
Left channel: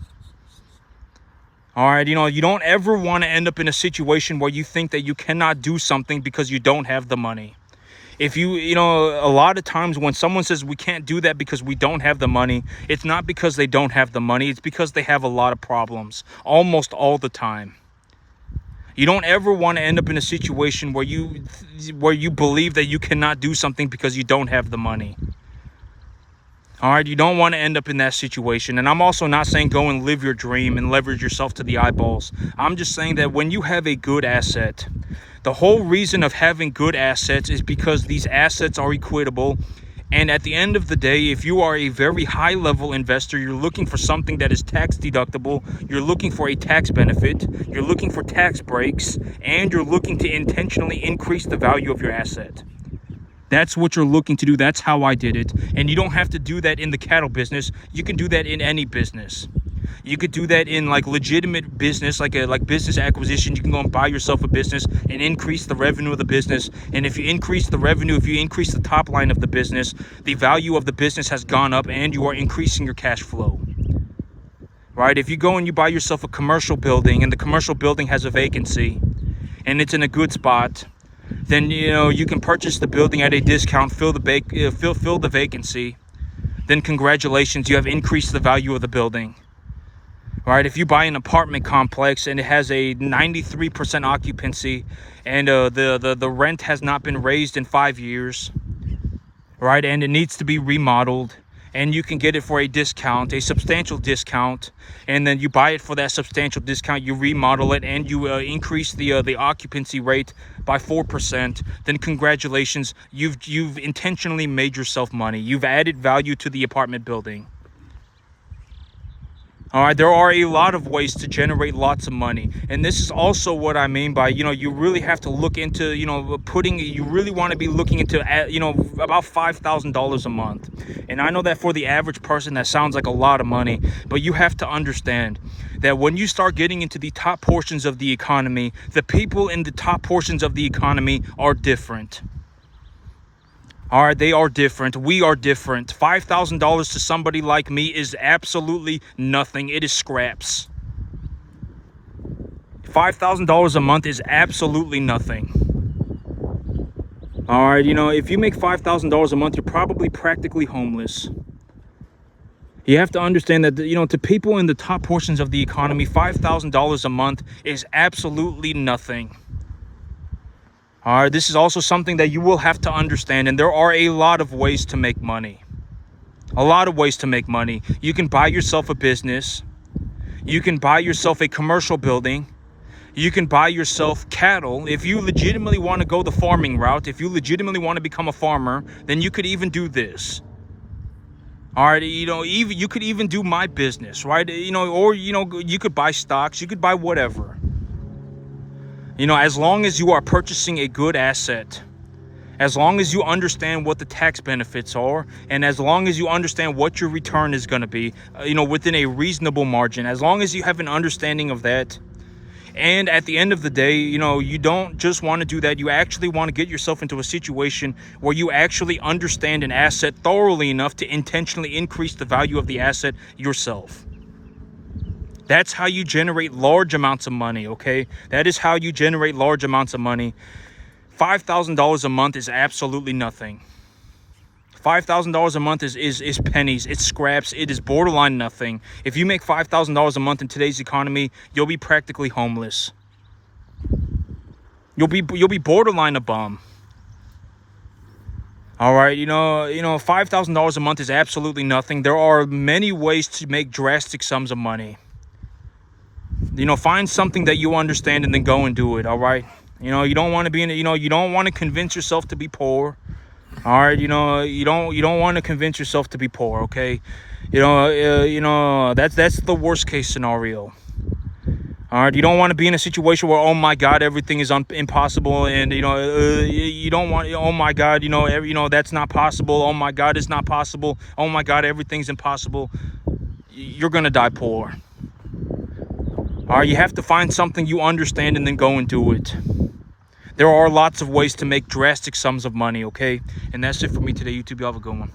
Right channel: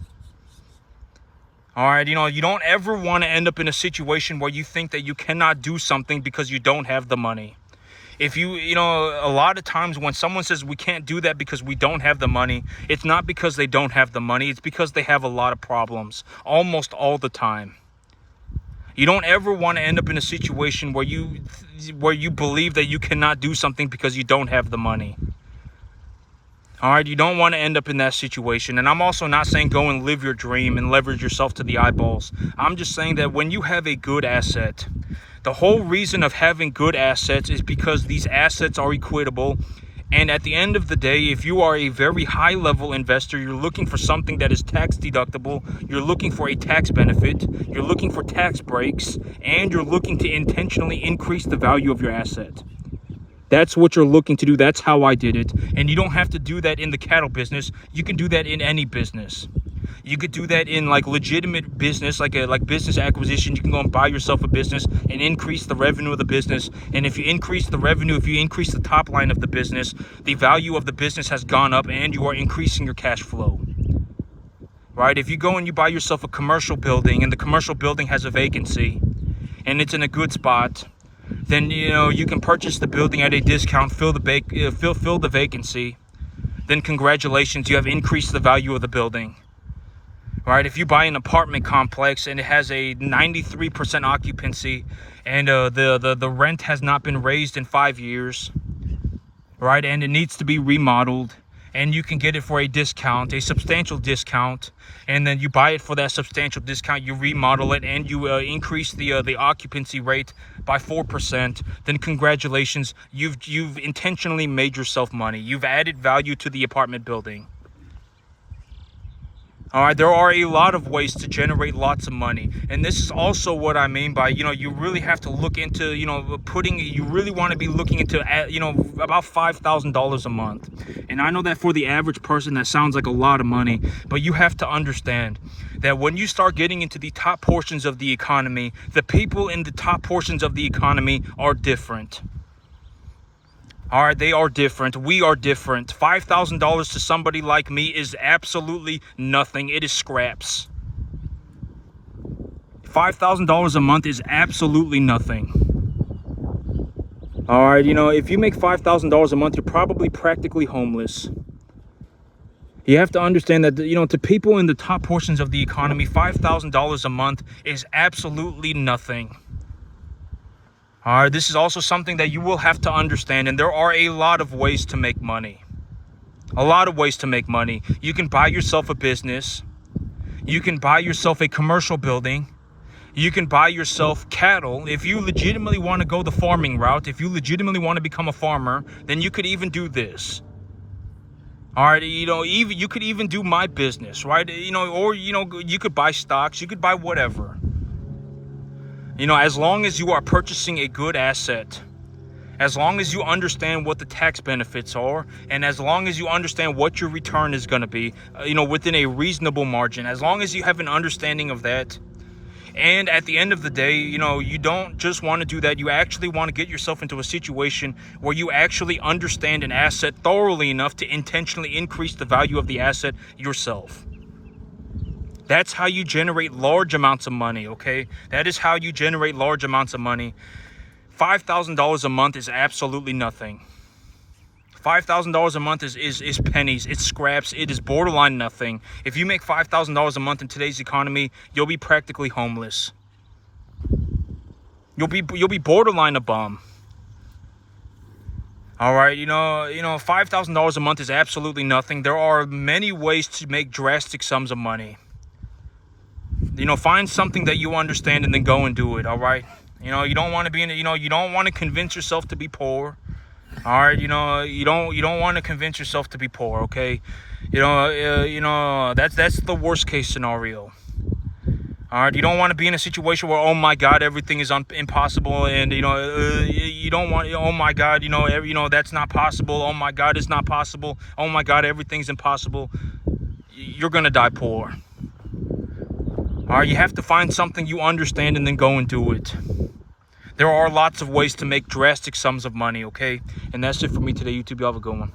All right, you know, you don't ever want to end up in a situation where you think that you cannot do something because you don't have the money. If you know, a lot of times when someone says we can't do that because we don't have the money, it's not because they don't have the money. It's because they have a lot of problems almost all the time. You don't ever want to end up in a situation where you believe that you cannot do something because you don't have the money. All right, you don't want to end up in that situation. And I'm also not saying go and live your dream and leverage yourself to the eyeballs. I'm just saying that when you have a good asset, the whole reason of having good assets is because these assets are equitable. And at the end of the day, if you are a very high level investor, you're looking for something that is tax deductible, you're looking for a tax benefit, you're looking for tax breaks, and you're looking to intentionally increase the value of your asset. That's what you're looking to do. That's how I did it. And you don't have to do that in the cattle business. You can do that in any business. You could do that in like legitimate business, like business acquisition. You can go and buy yourself a business and increase the revenue of the business. And if you increase the revenue, if you increase the top line of the business, the value of the business has gone up and you are increasing your cash flow. Right? If you go and you buy yourself a commercial building and the commercial building has a vacancy and it's in a good spot, then you know you can purchase the building at a discount, fill the vacancy. Then congratulations, you have increased the value of the building. Right? If you buy an apartment complex and it has a 93% occupancy and the rent has not been raised in 5 years, right? And it needs to be remodeled, and you can get it for a discount, a substantial discount, and then you buy it for that substantial discount, you remodel it, and you increase the occupancy rate by 4%, then congratulations, you've intentionally made yourself money. You've added value to the apartment building. All right, there are a lot of ways to generate lots of money. And this is also what I mean by, you know, you really have to look into, you know, you really want to be looking into, you know, about $5,000 a month. And I know that for the average person, that sounds like a lot of money, but you have to understand that when you start getting into the top portions of the economy, the people in the top portions of the economy are different. All right, they are different. We are different. $5,000 to somebody like me is absolutely nothing. It is scraps. $5,000 a month is absolutely nothing. All right, you know, if you make $5,000 a month, you're probably practically homeless. You have to understand that, you know, to people in the top portions of the economy, $5,000 a month is absolutely nothing. All right, this is also something that you will have to understand, and there are a lot of ways to make money. A lot of ways to make money. You can buy yourself a business. You can buy yourself a commercial building. You can buy yourself cattle. If you legitimately want to go the farming route, if you legitimately want to become a farmer, then you could even do this. All right, you know, even you could even do my business, right? You know, or, you know, you could buy stocks, you could buy whatever. You know, as long as you are purchasing a good asset, as long as you understand what the tax benefits are, and as long as you understand what your return is going to be, you know, within a reasonable margin, as long as you have an understanding of that. And at the end of the day, you know, you don't just want to do that. You actually want to get yourself into a situation where you actually understand an asset thoroughly enough to intentionally increase the value of the asset yourself. That's how you generate large amounts of money, okay? That is how you generate large amounts of money. $5,000 a month is absolutely nothing. $5,000 a month is pennies, it's scraps, it is borderline nothing. If you make $5,000 a month in today's economy, you'll be practically homeless. You'll be borderline a bum. All right, you know, $5,000 a month is absolutely nothing. There are many ways to make drastic sums of money. You know, find something that you understand and then go and do it. All right, you know, you don't want to be in it. You know, you don't want to convince yourself to be poor. All right, you know, you don't want to convince yourself to be poor, okay? You know, that's the worst case scenario. All right, you don't want to be in a situation where, oh my God, everything is impossible, and you know, you don't want, oh my God, you know, that's not possible. Oh my God, it's not possible. Oh my God, everything's impossible. You're gonna die poor. All right, you have to find something you understand and then go and do it. There are lots of ways to make drastic sums of money, okay? And that's it for me today, YouTube. You have a good one.